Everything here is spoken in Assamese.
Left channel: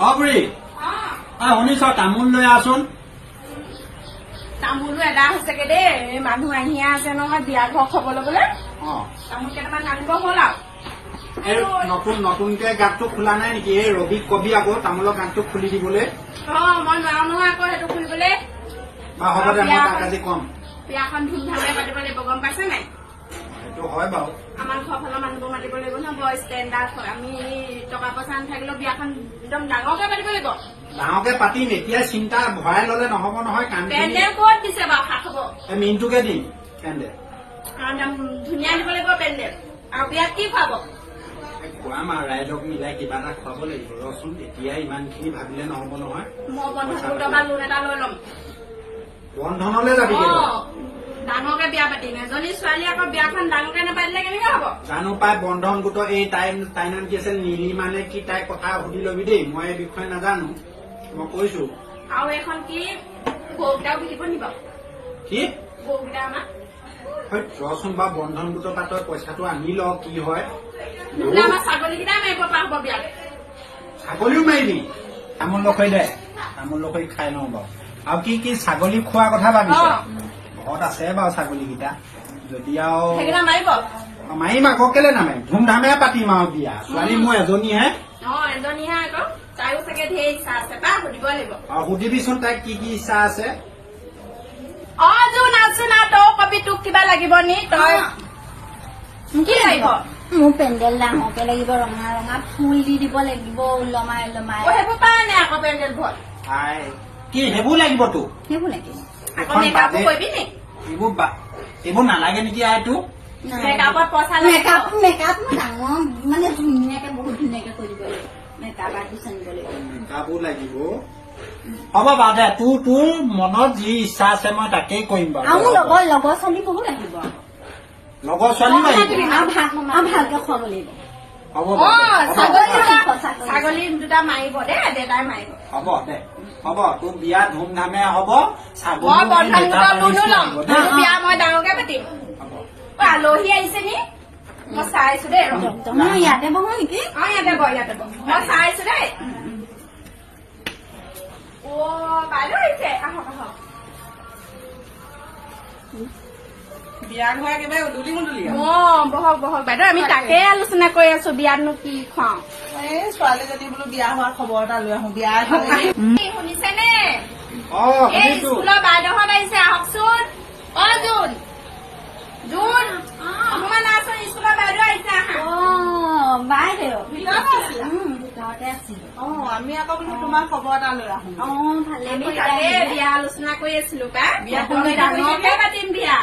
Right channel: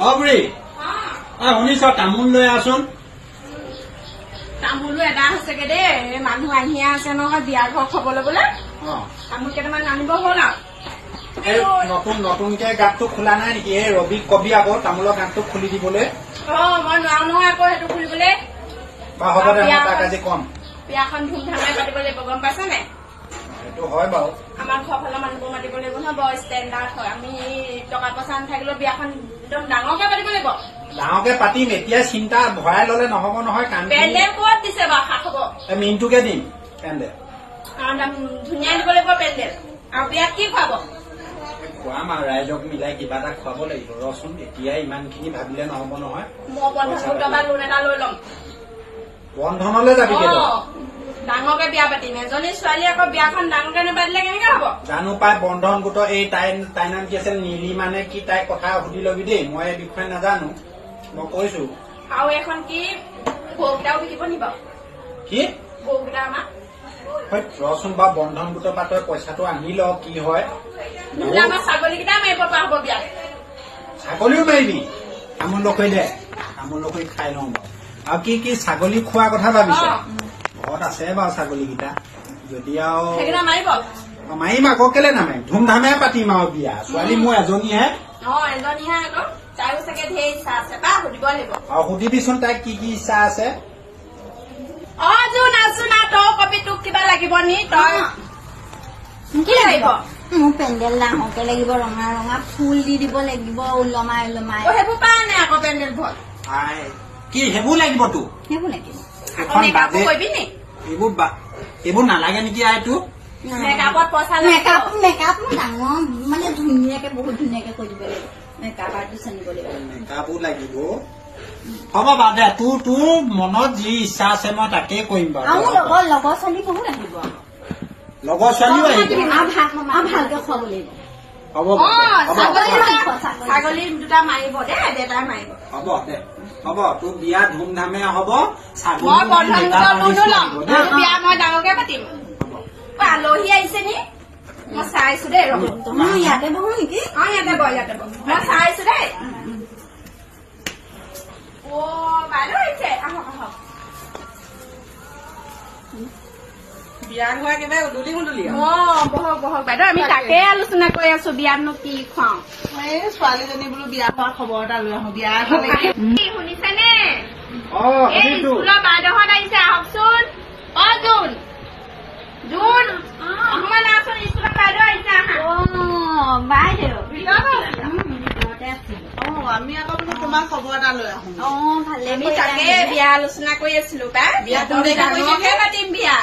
বুঢ়ী শুনিছ তামোল লৈ আছোন তামোলো এদা হৈছেগে দেই মানুহ আহিয়ে আছে নহয় বিয়া ঘৰ খবলৈ বোলে তামোল কেইটামান আনিব হ'ল আৰু নতুনকে গাঁতটো খোলা নাই নেকি এই ৰবিক কবি আকৌ তামোলৰ গাঁতটো খুলি দিবলৈ মই নোৱাৰো নহয় আকৌ সেইটো খুলিবলৈ হ'ব দে মই তাক আজি কম বিয়াখন ধুমধামে পাতিব লাগিব গম পাইছা নাই সেইটো হয় বাৰু আমাৰ ঘৰ ফালৰ মানুহবোৰ মাতিব লাগিব নহয় বৰ ষ্টেণ্ডাৰ্ড হয় আমি টকা পইচা নাথাকিলেও বিয়াখন একদম ডাঙৰকে পাতিব লাগিব ডাঙৰকে পাতিম এতিয়া চিন্তা ভৰাই ললে নহব নহয় কাম পেণ্ডেল ক'ত দিছে বাৰু খা খবৰ মিনটোকে দিম পেণ্ডেল ধুনীয়া দিব লাগিব পেণ্ডেল আৰু বিয়াত কি খুৱাব খুৱাম আৰু ৰাইজক মিলাই কিবা এটা খুৱাব লাগিব ৰচোন এতিয়া ইমানখিনি ভাবিলে নহব নহয় মই বন্ধন পৰা লোন এটা লৈ ল'ম বন্ধনলৈ যাবি ডাঙৰকে বিয়া পাতিম এজনী ছোৱালী আকৌ বিয়াখন ডাঙৰকে নাপাতিলে কেনেকে হব জানো পাই বন্ধন গোটৰ এই তাই নাম কি আছিল নীলি মানে কি তাইৰ কথা সুধি লবি দেই মই এই বিষয়ে নাজানো মই কৈছো আৰু এখন কি বৌকেইটাও বিকিব নি বাৰু কি বৌকেইটা আমাৰ ৰচোন বা বন্ধন গোটৰ পৰা তই পইচাটো আনি ল কি হয় নহলে আমাৰ ছাগলীকেইটা মাৰিব পৰা হব বিয়াত ছাগলীও মাৰিবি তামোল লখৈ দে তামোল লখৈ খাই লওঁ বাৰু আৰু কি কি ছাগলী খোৱাৰ কথা ভাবিছ ঘৰত আছে বাৰু ছাগলীকেইটা যদি আৰু মাৰিম আকৌ কেলে নামাৰিম ধুমধামে পাতিম আৰু বিয়া ছোৱালী মোৰ এজনীহে আকৌ তাইও চাগে ধেৰ ইচ্ছা আছে বা সুধিব লাগিব আৰু সুধিবিচোন তাইক কি কি ইচ্ছা আছে জোন আছো না তই কবি তোক কিবা লাগিব নি তই কি লাগিব মোৰ পেণ্ডেল ডাঙৰকে লাগিব ৰঙা ৰঙা ফুল দি দিব লাগিব ওলমাই ওলমাই সেইবোৰ পা নে আকৌ পেণ্ডেল ভল কি সেইবোৰ লাগিব তো সেইবোৰ লাগিব এইবোৰ নালাগে নেকি আইটো মেকআপত পইচা মেকআপ ডাঙৰ মানে ধুনীয়াকে বহুত ধুনীয়াকে কৰি দিব লাগিব মেকআপ আৰ্টিষ্ট আনিব লাগিব মেকআপো লাগিব হ'ব বাৰু দে তোৰ মনত যি ইচ্ছা আছে মই তাকেই কৰিম বাৰু লগৰ ছোৱালী বহুত আহিব লগৰ ছোৱালীও আহিব ভালকে খুৱাব লাগিব হ'ব ছাগলী দুটা মাৰিব দে দেউতাই মাৰিব হ'ব দে হ'ব তোৰ বিয়া ধুমধামে হ'ব বিয়া মই ডাঙৰকে পাতিম আলহী আহিছে নি মই চাইছো দেই ইয়াতে বহো নেকি ইয়াতে বহ মই চাইছো দেই বাইদেউ আহিছে বিয়াত হোৱা কিবা উদুলি মুদুলি বহক বহক বাইদেউ আমি তাকে আলোচনা কৰি আছো বিয়াতনো কি খুৱাও এই ছোৱালীজনী বোলো বিয়া হোৱা খবৰ এটা লৈ আহো বিয়া শুনিছেনে স্কুলৰ বাইদেউহঁত আহিছে আহকচোন জোন জোন অকমান আছোন স্কুলৰ বাইদেউ আহিছে বাইদেউ আমি আকৌ বোলো তোমাৰ খবৰ এটা লৈ আহো ভালে আমি তাকে বিয়া আলোচনা কৰি আছিলো বিয়া পাতিম বিয়া